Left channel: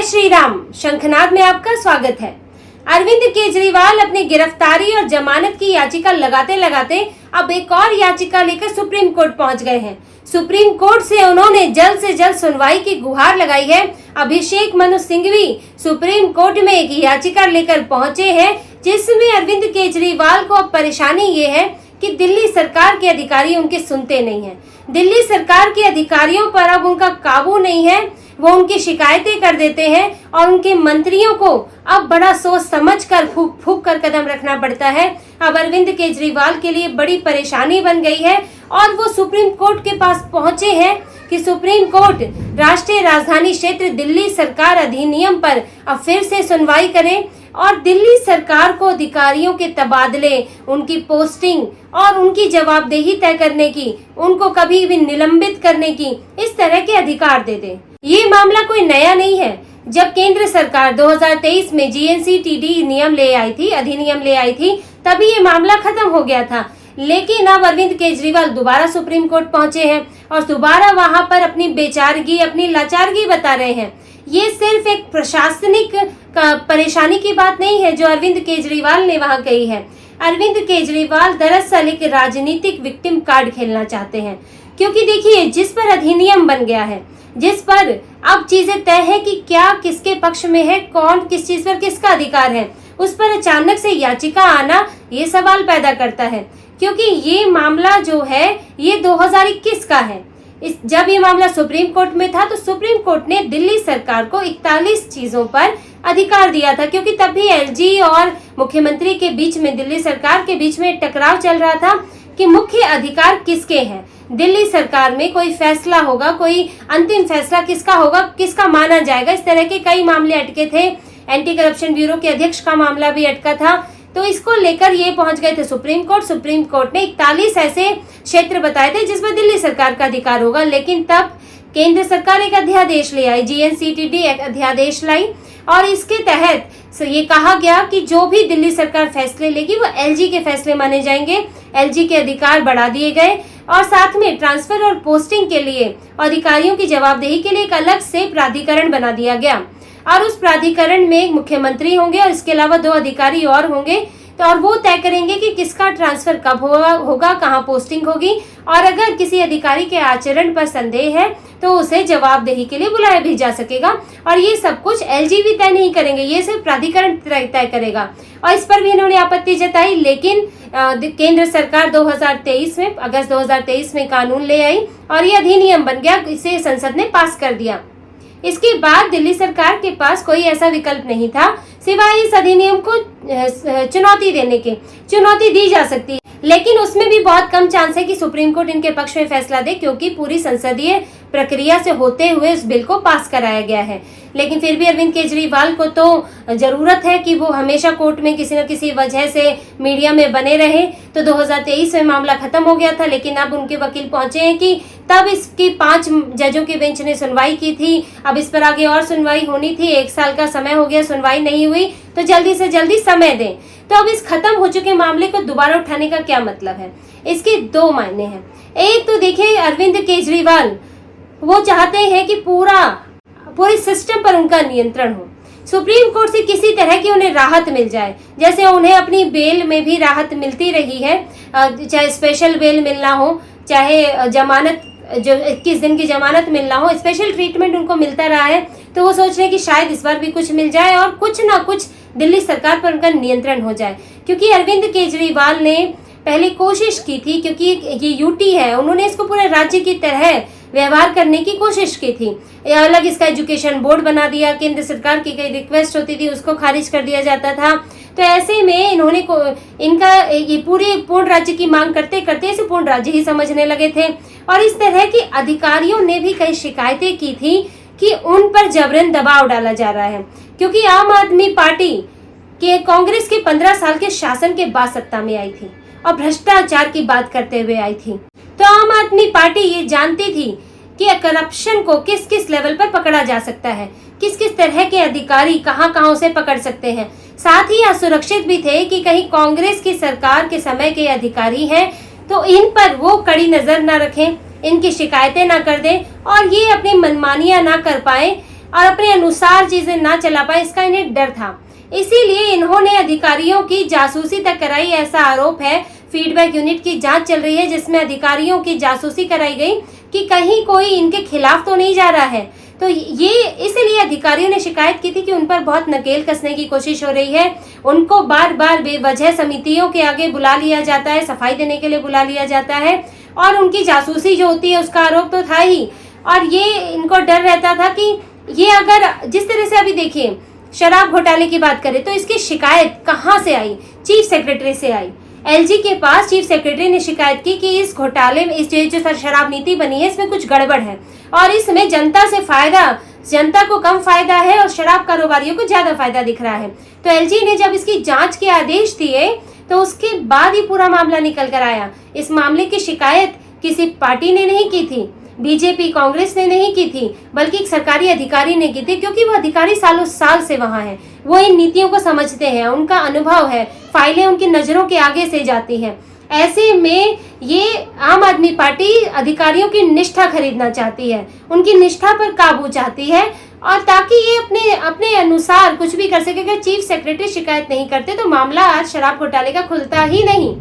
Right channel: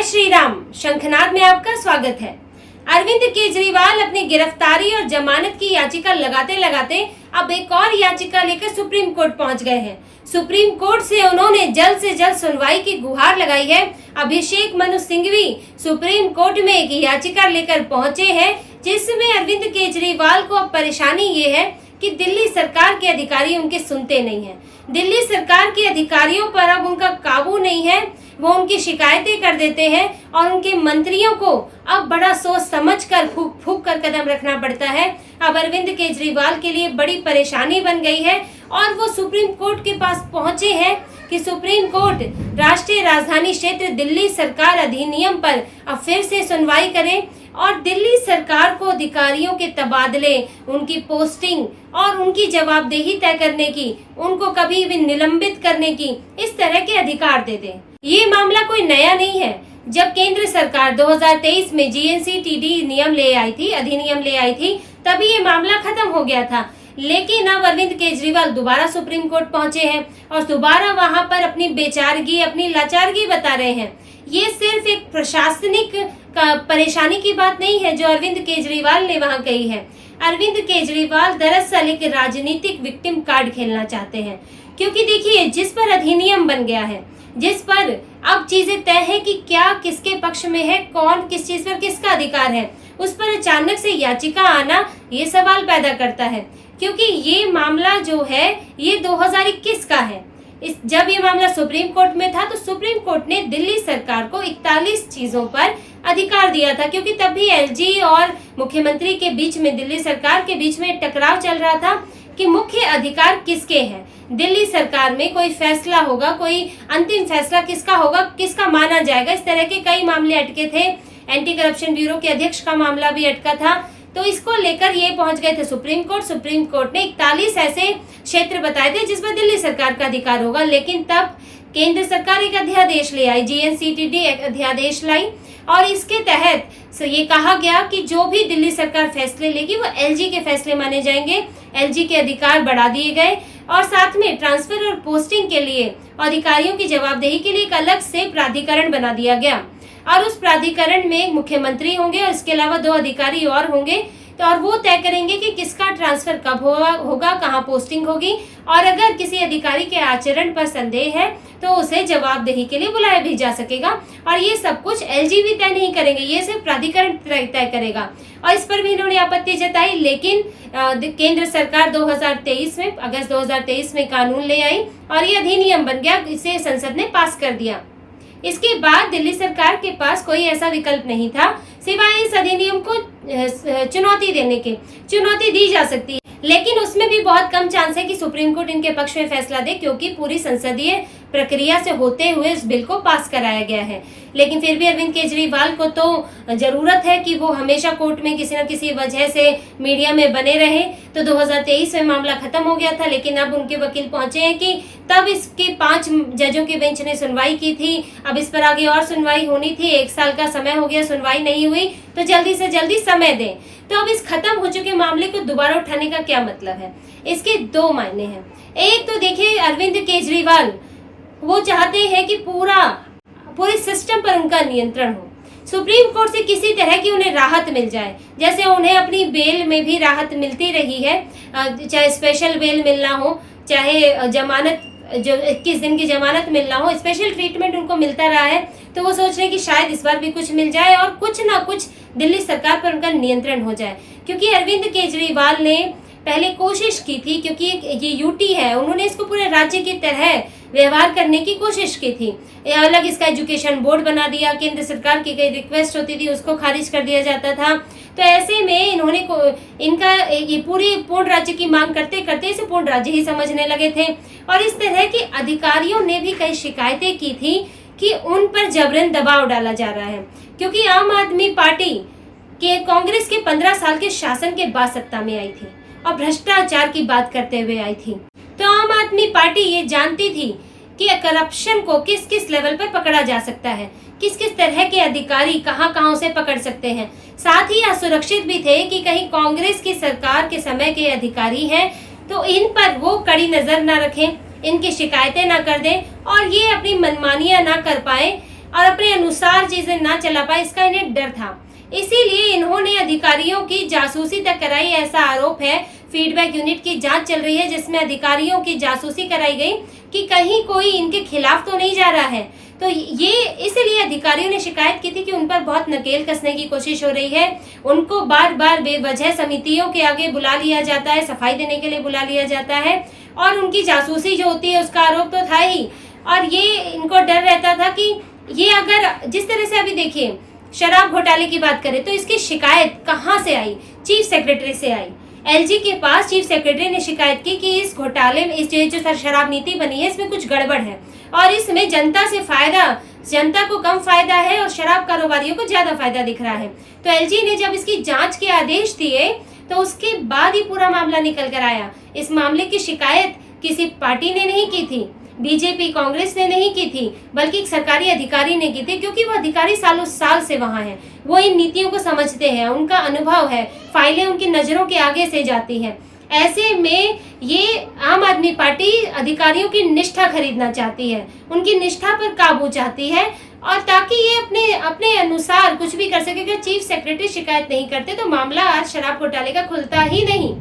जय श्री राम। शंखनाद में आपका स्वागत है। अरविंद केजरीवाल अपनी गिरफ्तारी और जमानत की याचिका लगाते लगाते अब एक और याचिका लेकर सुप्रीम कोर्ट पहुंच गए हैं। सुप्रीम कोर्ट से उन्होंने जल्द से जल्द सुनवाई की गुहार लगाई है। अभिषेक मनु सिंघवी सुप्रीम कोर्ट में एक याचिका लेकर पहुंचे हैं, जिसमें अरविंद केजरीवाल को अब परेशानी ये है कि दिल्ली सरकार के अधिकारी उनके सुनते नहीं हैं। दिल्ली सरकार के अधिकारियों पर अब उनका काबू नहीं है। वो उनकी शिकायतें कर देते हैं और उनके मंत्रियों को अब बड़ा सोच समझ कर फूक कर कदम रखना पड़ता है। अब अरविंद केजरीवाल के लिए बड़ी परेशानी बन गई है और वो सुप्रीम कोर्ट के पास पहुंचे हैं कि सुप्रीम कोर्ट राष्ट्रीय राजधानी क्षेत्र दिल्ली सरकार अधिनियम पर अब फिर से सुनवाई करे और दिल्ली सरकार को अधिकारियों के तबादले, उनकी पोस्टिंग और उनकी जवाबदेही तय करने की, उनको कभी भी निलंबित करने की इस तरह के अधिकार दे दे। ये मामला कोई नया नहीं है। जब केंद्र सरकार 2023 में GNCTD अधिनियम ले आई थी, तभी ये मामला खत्म हो गया था। लेकिन अब अरविंद केजरीवाल दोबारा सुप्रीम कोर्ट पहुंचे हैं और दोबारा वहां पर अपनी बेचारगी, अपनी लाचारगी बता रहे हैं। ये सिर्फ एक प्रशासनिक परेशानी की बात नहीं है जो अरविंद केजरीवाल ने वहां कही है। अरविंद केजरीवाल दरअसल एक राजनीतिक विक्टिम कार्ड खेलना चाहते हैं, क्योंकि देखिए, जिस पर अधिनियम बन गया है, जिस पर अब चीजें तय है कि क्या किसके पक्ष में है, कौन किस चीज पर किसका अधिकार है, उस पर अचानक से याचिका आना ये सवाल पैदा करता है। क्योंकि ये मामला जो है ये 2021 का है। जब ये मामला सुप्रीम कोर्ट में था तो सुप्रीम कोर्ट ने दिल्ली सरकार को 41 चीजों पर अधिकार दिया था, क्योंकि तब भी LG और मुख्यमंत्री के बीच में, दिल्ली सरकार के बीच में टकराव चल रहा था कि मुख्य अधिकार किसके हैं। दिल्ली सरकार में कोई फैसला होगा, कोई अंतिम फैसला किसका होगा, किसका माना जाएगा, इस तरह के कई मामले अटके थे। एंटी करप्शन ब्यूरो के अध्यक्ष का मामला भी अटका था। तो इसको लेकर ये पहुंच गए थे सुप्रीम कोर्ट। सुप्रीम कोर्ट ने 41 ऐसे क्षेत्र बताए थे जिसमें दिल्ली सरकार का अधिकार होगा। लेकिन तब केंद्र सरकार एक अध्यादेश ले आई, GNCTD एक अध्यादेश लाई और इसके तहत ये कहा गया कि जो भी दिल्ली सरकार फैसले लेगी वो LG के फैसले माने जाएंगे। LG के अधिकार बढ़ा दिए गए और साथ में ट्रांसफर और पोस्टिंग के लिए, अधिकारियों की जवाबदेही के लिए एक अलग से प्राधिकरण बना दिया गया और उस प्राधिकरण में एक मुख्यमंत्री होंगे और इसके अलावा 2 अधिकारी और होंगे। तो और वो तय करेंगे कि किसका ट्रांसफर कब होगा, कहाँ पोस्टिंग होगी, और अगर किसी अधिकारी के आचरण पर संदेह है तो उसे जवाबदेही के लिए बुलाया भी जा सकेगा। और ये सब कुछ LG भी तय नहीं करेंगे, ये सिर्फ प्राधिकरण तय करेगा। और इस पर भी इन्होंने आपत्ति जताई। लेकिन केंद्र सरकार 2023 में, अगस्त 2023 में कानून ले आई और ये अधिनियम बन गया, इसे संसद ने पास कर दिया। इसके बाद दिल्ली सरकार के पास कोई ऐसा विकल्प नहीं था सिवाय इस अधिनियम को चुनौती देने के। चुनौती दी जा सकती है, लेकिन उसमें भी बहुत कम चांस है कि सुप्रीम कोर्ट इनके पक्ष में फैसला दे, क्योंकि पूरी संसदीय प्रक्रिया से होते हुए इस बिल को पास कराया गया है। लेकिन फिर भी अरविंद केजरीवाल को तो जरूरत है कि वो हमेशा कोर्ट में किसी न किसी वजह से मीडिया में बने रहे। तो 2023 में मामला खत्म हो गया था, लेकिन अब उनके वकील पहुंचे हैं कि तब इसकी 5 जजों के बेंच ने सुनवाई की थी। अब इस पर आगे और सुनवाई होनी थी। 1 साल का समय हो गया, सुनवाई नहीं हुई, तो जल्दी से जल्दी समय दें। तो अब इस खत्म हो चुके मामले को दोबारा उठाने का क्या मतलब है? इसके 2 मायने हैं। एक तो देखिए, अरविंद केजरीवाल वो चाहते हैं कि पूरे सिस्टम पर उनका नियंत्रण हो। सुप्रीम कोर्ट से किसी तरह की उन्हें राहत मिल जाए, जैसे उन्हें अपनी बेल में भी राहत मिलती रही है, चाहे स्पेशल बेल मिलना हो, चाहे जमानत, जो 21 दिन की जमानत मिलना हो, स्पेशल ट्रीटमेंट उनको मिलता रहा है। तो वो सोच रहे हैं कि शायद इस बार भी कुछ मिल जाए और कुछ ना कुछ दिल्ली सरकार पर उनका नियंत्रण हो जाए। क्योंकि अरविंद केजरीवाल ने पहले कोशिश की थी, क्योंकि ये UT है, उन्होंने इसको पूरे राज्य की तरह व्यवहार करने की कोशिश की थी। अलग इसका एजुकेशन बोर्ड बना दिया, केंद्र सरकार की कई रिक्वेस्ट होती थी उसको खारिज कर दिया जाता था। तो ऐसे में इन्होंने इनका ये पूर्ण राज्य की मांग करते करते इसे पूर्ण राज्य ही समझने लगे थे। और इस तरह के अधिकारियों ने भी कई शिकायतें की थी कि उन पर जबरन दबाव डाला जा रहा है, क्योंकि आम आदमी पार्टी के कांग्रेस के 15 साल के शासन के बाद सत्ता में आई थी और भ्रष्टाचार की बात करते हुए आई थी। तो आम आदमी पार्टी ये जानती थी कि करप्शन को किस किस लेवल पर पकड़ा जा सकता है, किस किस तरह के अधिकारी कहां कहां उसे पकड़ सकते हैं। साथ ही असुरक्षित भी थे कि कहीं कांग्रेस की सरकार के समय के अधिकारी हैं तो इन पर वो कड़ी नजर न रखें, इनकी शिकायतें ना कर दें और ये अपनी मनमानियां ना कर पाए और अपने अनुसार चीजें ना चला पाए, इसका इन्हें डर था। इसीलिए इन्होंने अधिकारियों की जासूसी तक कराई। ऐसा आरोप है, फीडबैक यूनिट की जांच चल रही है जिसमें अधिकारियों की जासूसी कराई गई कि कहीं कोई इनके खिलाफ तो नहीं जा रहा है। तो ये इसलिए अधिकारियों ने शिकायत की थी कि उन पर बहुत नकेल कसने की कोशिश हो रही है। उनको बार बार बेवजह समितियों के आगे बुला लिया जाता है, सफाई देने के लिए बुला लिया जाता है, और उनकी जासूसी जो होती है उसका आरोप तो था ही। और ये इनको डर रहता था कि ये अगर जिस तरह से अभी देखिए शराब घोटाले की बात करें तो इसकी शिकायत कहाँ से आई? चीफ सेक्रेटरी से आई। एलजी के पास चीफ सेक्रेटरी ने शिकायत की कि इस घोटाले में, इस जो शराब नीति बनी है इसमें कुछ गड़बड़ है और इसमें जनता को कम फायदा है और शराब कारोबारियों को ज्यादा फायदा दिख रहा है। तो एलजी ने जब इसकी जांच के आदेश दिए तो उसके बाद ही पूरा मामला निकल कर आया। इस मामले की शिकायत किसी पार्टी ने नहीं की थी, बीजेपी कांग्रेस ने नहीं की थी, बल्कि एक सरकारी अधिकारी ने की थी, क्योंकि वो अधिकारी सालों साल से वहां हैं, वो इन नीतियों को समझते हैं, उनका अनुभव है, फाइलें उनकी नजरों के आगे से जाती हैं। ऐसे में ये आम आदमी पार्टी अधिकारियों की निष्ठा खरीदना चाहती है, उनकी निष्ठा पर काबू चाहती है, और ताकि ये अपने अनुसार कुछ भी कर सके। अगर चीफ सेक्रेटरी शिकायत नहीं करते तो मामला आज शराब घोटाले का खुलता ही नहीं।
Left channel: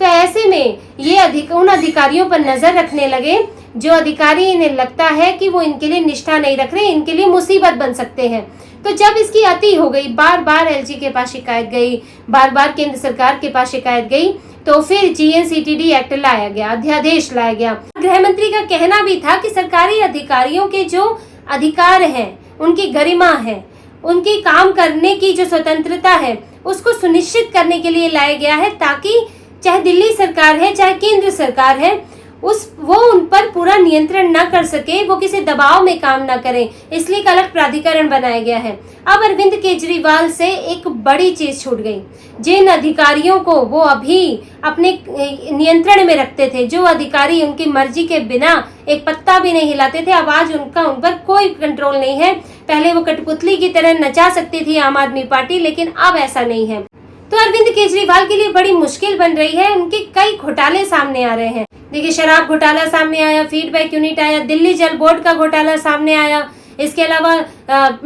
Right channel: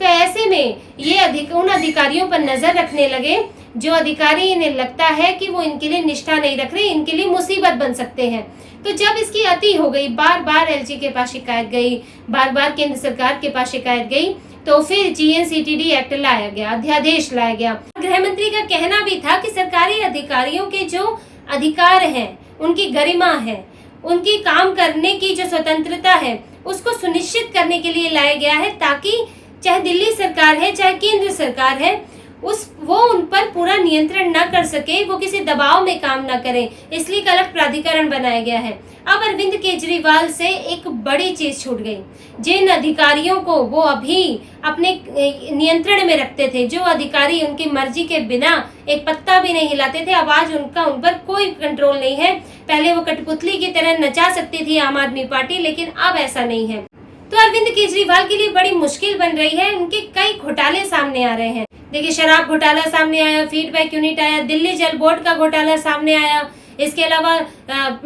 तो ऐसे में ये उन अधिकारियों पर नजर रखने लगे जो अधिकारी इन्हें लगता है कि वो इनके लिए निष्ठा नहीं रख रहे, इनके लिए मुसीबत बन सकते हैं। तो जब इसकी अति हो गई, बार बार एलजी के पास शिकायत गई, बार बार केंद्र सरकार के पास शिकायत गई, तो फिर जीएनसीटीडी एक्ट लाया गया, अध्यादेश लाया गया। गृह मंत्री का कहना भी था कि सरकारी अधिकारियों के जो अधिकार हैं, उनकी गरिमा है, उनकी काम करने की जो स्वतंत्रता है, उसको सुनिश्चित करने के लिए लाया गया है, ताकि चाहे दिल्ली सरकार है चाहे केंद्र सरकार है, वो उन पर पूरा नियंत्रण न कर सके, वो किसी दबाव में काम न करें, इसलिए एक अलग प्राधिकरण बनाया गया है। अब अरविंद केजरीवाल से एक बड़ी चीज छूट गई। जिन अधिकारियों को वो अभी अपने नियंत्रण में रखते थे, जो अधिकारी उनकी मर्जी के बिना एक पत्ता भी नहीं हिलाते थे, अब आज उन पर कोई कंट्रोल नहीं है। पहले वो कठपुतली की तरह नचा सकती थी आम आदमी पार्टी, लेकिन अब ऐसा नहीं है। तो अरविंद केजरीवाल के लिए बड़ी मुश्किल बन रही है। उनके कई घोटाले सामने आ रहे हैं। देखिए, शराब घोटाला सामने आया, फीडबैक यूनिट आया, दिल्ली जल बोर्ड का घोटाला सामने आया, इसके अलावा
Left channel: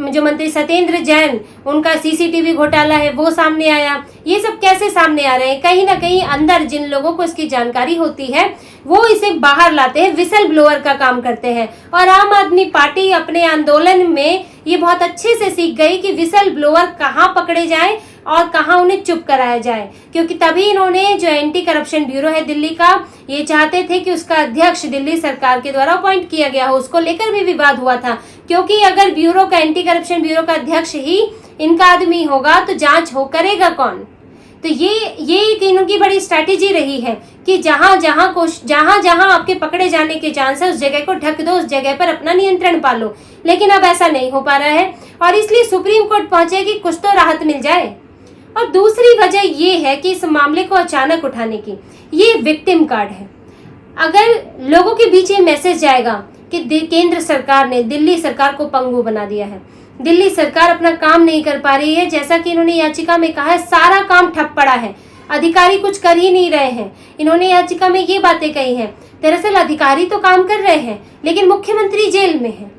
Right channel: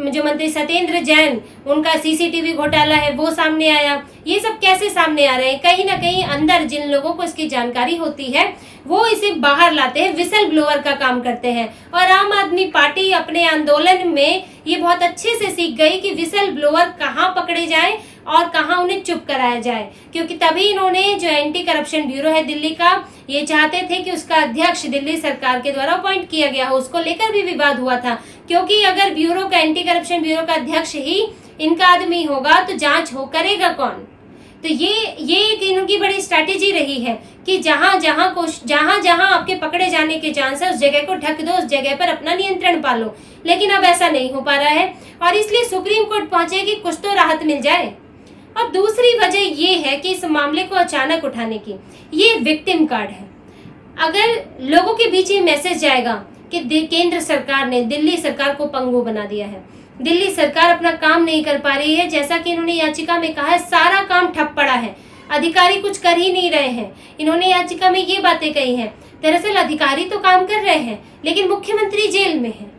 जो मंत्री सत्येंद्र जैन, उनका सीसीटीवी घोटाला है, वो सामने आया। ये सब कैसे सामने आ रहे हैं? कहीं ना कहीं अंदर जिन लोगों को इसकी जानकारी होती है वो इसे बाहर लाते हैं, विसल ब्लोअर का काम करते हैं। और आम आदमी पार्टी अपने आंदोलन में ये बहुत अच्छे से सीख गई कि विसल ब्लोअर कहाँ पकड़े जाए और कहाँ उन्हें चुप कराया जाए, क्योंकि तभी इन्होंने जो एंटी करप्शन ब्यूरो है दिल्ली का, ये चाहते थे कि उसका अध्यक्ष दिल्ली सरकार के द्वारा अपॉइंट किया गया हो। उसको लेकर भी विवाद हुआ था, क्योंकि अगर ब्यूरो का, एंटी करप्शन ब्यूरो का अध्यक्ष ही इनका आदमी होगा तो जांच करेगा कौन? तो ये एक इनकी बड़ी स्ट्रैटेजी रही है कि जहां जहां आपके पकड़े जाने के चांस है उस जगह को ढक दो, उस जगह पर अपना नियंत्रण पालो। लेकिन अब ऐसा नहीं हो पा रहा है और इसलिए सुप्रीम कोर्ट पहुंचे कि कुछ तो राहत मिल जाए। और दूसरी वजह ये है कि इस मामले को अचानक उठाने की, ये विक्टिम कार्ड है। अगर लोगों के बीच ये मैसेज जाएगा कि केंद्र सरकार ने दिल्ली सरकार को पंगु बना दिया है, दिल्ली सरकार अपना काम नहीं कर पा रही है, जैसा कि इन्होंने याचिका में कहा है, सारा काम ठप पड़ा है, अधिकारी कुछ कर ही नहीं रहे हैं। इन्होंने याचिका में ये बातें कही हैं। दरअसल अधिकारी तो काम कर रहे हैं, लेकिन मुख्यमंत्री जेल में है।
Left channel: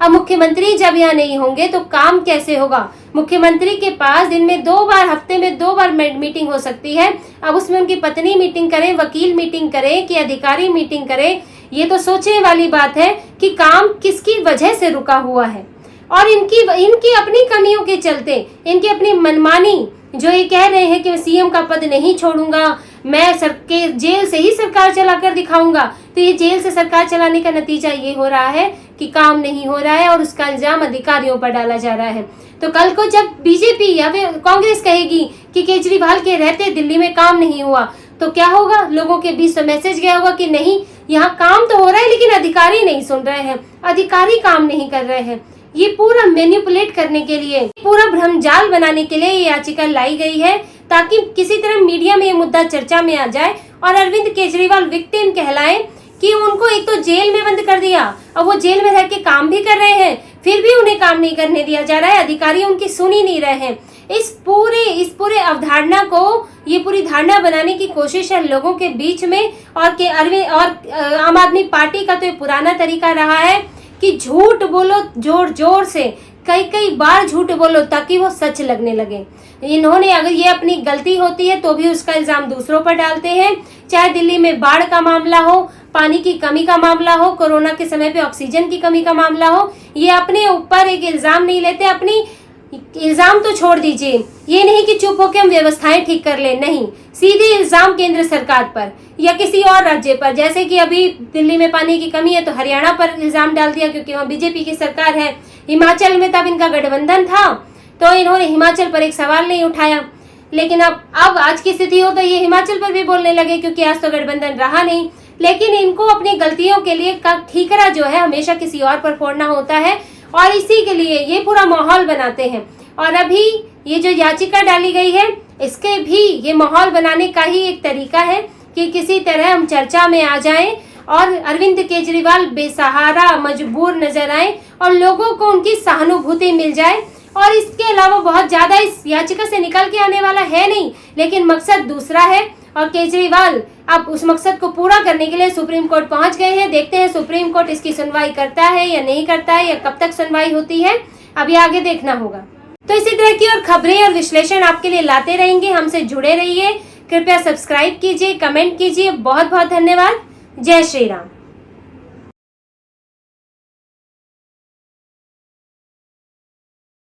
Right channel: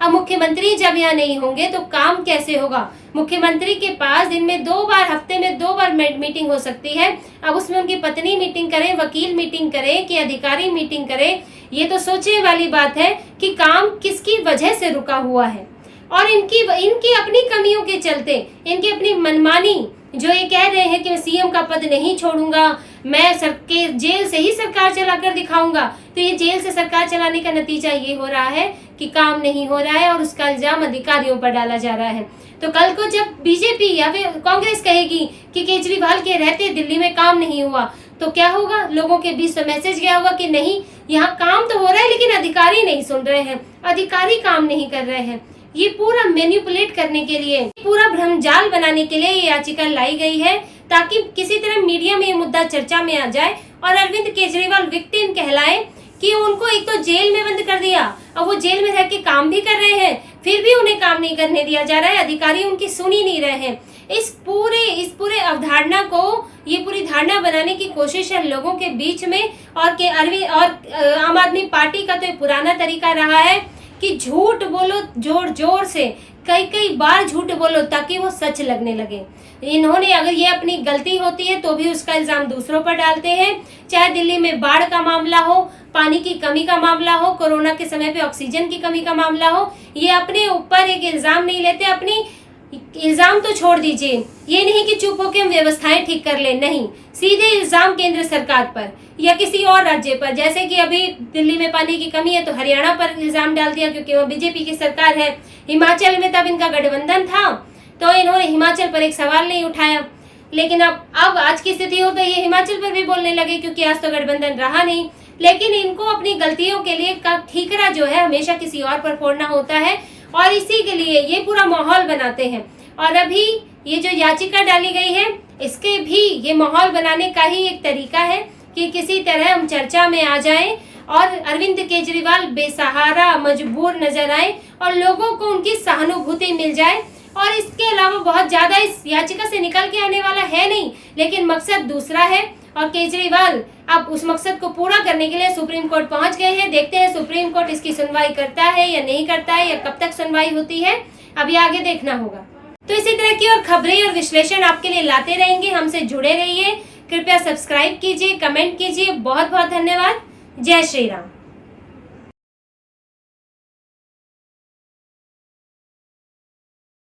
अब मुख्यमंत्री जब यहाँ नहीं होंगे तो काम कैसे होगा? मुख्यमंत्री के पास दिन में 2 बार, हफ्ते में 2 बार मीटिंग हो सकती है। अब उसमें उनकी पत्नी मीटिंग करे, वकील मीटिंग करे कि अधिकारी मीटिंग करे, ये तो सोचने वाली बात है कि काम किसकी वजह से रुका हुआ है। और इनकी अपनी कमियों के चलते, इनकी अपनी मनमानी, जो ये कह रहे हैं कि मैं सीएम का पद नहीं छोड़ूंगा, मैं जेल से ही सरकार चलाकर दिखाऊंगा, तो ये जेल से सरकार चलाने का नतीजा ये हो रहा है कि काम नहीं हो रहा है और उसका इल्जाम अधिकारियों पर डाला जा रहा है। तो कल को जब बीजेपी या फिर कांग्रेस कहेगी कि केजरीवाल के रहते दिल्ली में काम नहीं हुआ, तो क्या होगा? लोगों के बीच तो मैसेज गया होगा कि नहीं, यहाँ काम तो हो रहा है लेकिन अधिकारी नहीं सुन रहे हैं, अधिकारी काम नहीं कर रहे हैं। ये पूरा मैनिपुलेट करने के लिए, पूरा भ्रमजाल बनाने के लिए ये याचिका लाई गई है, ताकि किसी तरह मीडिया में ये मुद्दा चर्चा में आ जाए और अरविंद केजरीवाल विक्टिम कहलाए कि उनको एक तो जेल में बंद कर दिया, अब वो जेल में रह के काम भी कर रहे हैं, फिर भी उन्हें काम नहीं करने दिया जा रहा है, अधिकारी उनकी सुन ही नहीं रहे हैं। इस पूरे अवधारणा को, ये पूरी धारणा बनाने की कोशिश है लोगों के बीच में। और आम आदमी पार्टी का तो ये पुराना तरीका रहा है कि झूठ बोलो जोर जोर से, कई कई बार झूठ बोलो ताकि वो सच लगने लगे। इन्होंने अगर ये अपनी गलती होती है तो भी उसका इल्जाम दूसरों पर डालते हैं, चाहे दिल्ली में बाढ़ का मामला हो, पानी की कमी का मामला हो, कोरोना के समय पे ऑक्सीजन की कमी का मामला हो, ये अपने ऊपर एक इल्जाम नहीं लेते। अपनी इल्जाम तो छोड़ दीजिए, ये नहीं कि चुप होकर हम व्यवस्थाएं ठीक कर ले, नहीं, सीधे इल्जाम केंद्र सरकार पर या किसी और राज्य पर। जैसे कि अभी दिल्ली में पानी की कमी है तो हरियाणा पर इल्जाम डाल दिया क्योंकि वहाँ बीजेपी की सरकार है। हिमाचल में तब इनका गठबंधन था तो इन्होंने हिमाचल पर एक सवाल नहीं उठाया, लेकिन अब आज की स्थिति हो तो ये हिमाचल पर भी बोलने लगे क्योंकि आज तो गठबंधन रहा नहीं। लेकिन इनको अपनी गलतियों के लिए ठीकरा जो है हमेशा किसी और पर फोड़ना होता है और इसी के लिए ये पूरा माहौल बनाते हैं। और अभी ये जो याचिका डाली गई है इसके भी ये माहौल बनाने का ही एक तरीका है कि किसी तरह हम चर्चा में आ जाएं और अरविंद केजरीवाल बेसहारा मजबूर नजर आए और लोगों को उनकी सहानुभूति मिल जाए। और इसके अलावा बहुत ज्यादा इस याचिका से निकल के आने वाला है नहीं, लेकिन मकसद दूसरा है और केजरीवाल अब उस मकसद को पूरा करने के लिए सुप्रीम कोर्ट पहुंच गए हैं। देखते हैं सुप्रीम कोर्ट इसकी सुनवाई करता है या नहीं करता है, या कब तक सुनवाई होती है, अभी आगे देखना होगा। तो इसी तरह की और खबरें और विश्लेषण आपके लिए लाते रहेंगे, हमसे जुड़े रहिए। कृपया सब्सक्राइब कीजिए, कमेंट कीजिए। बहुत बहुत धन्यवाद। जय श्री राम।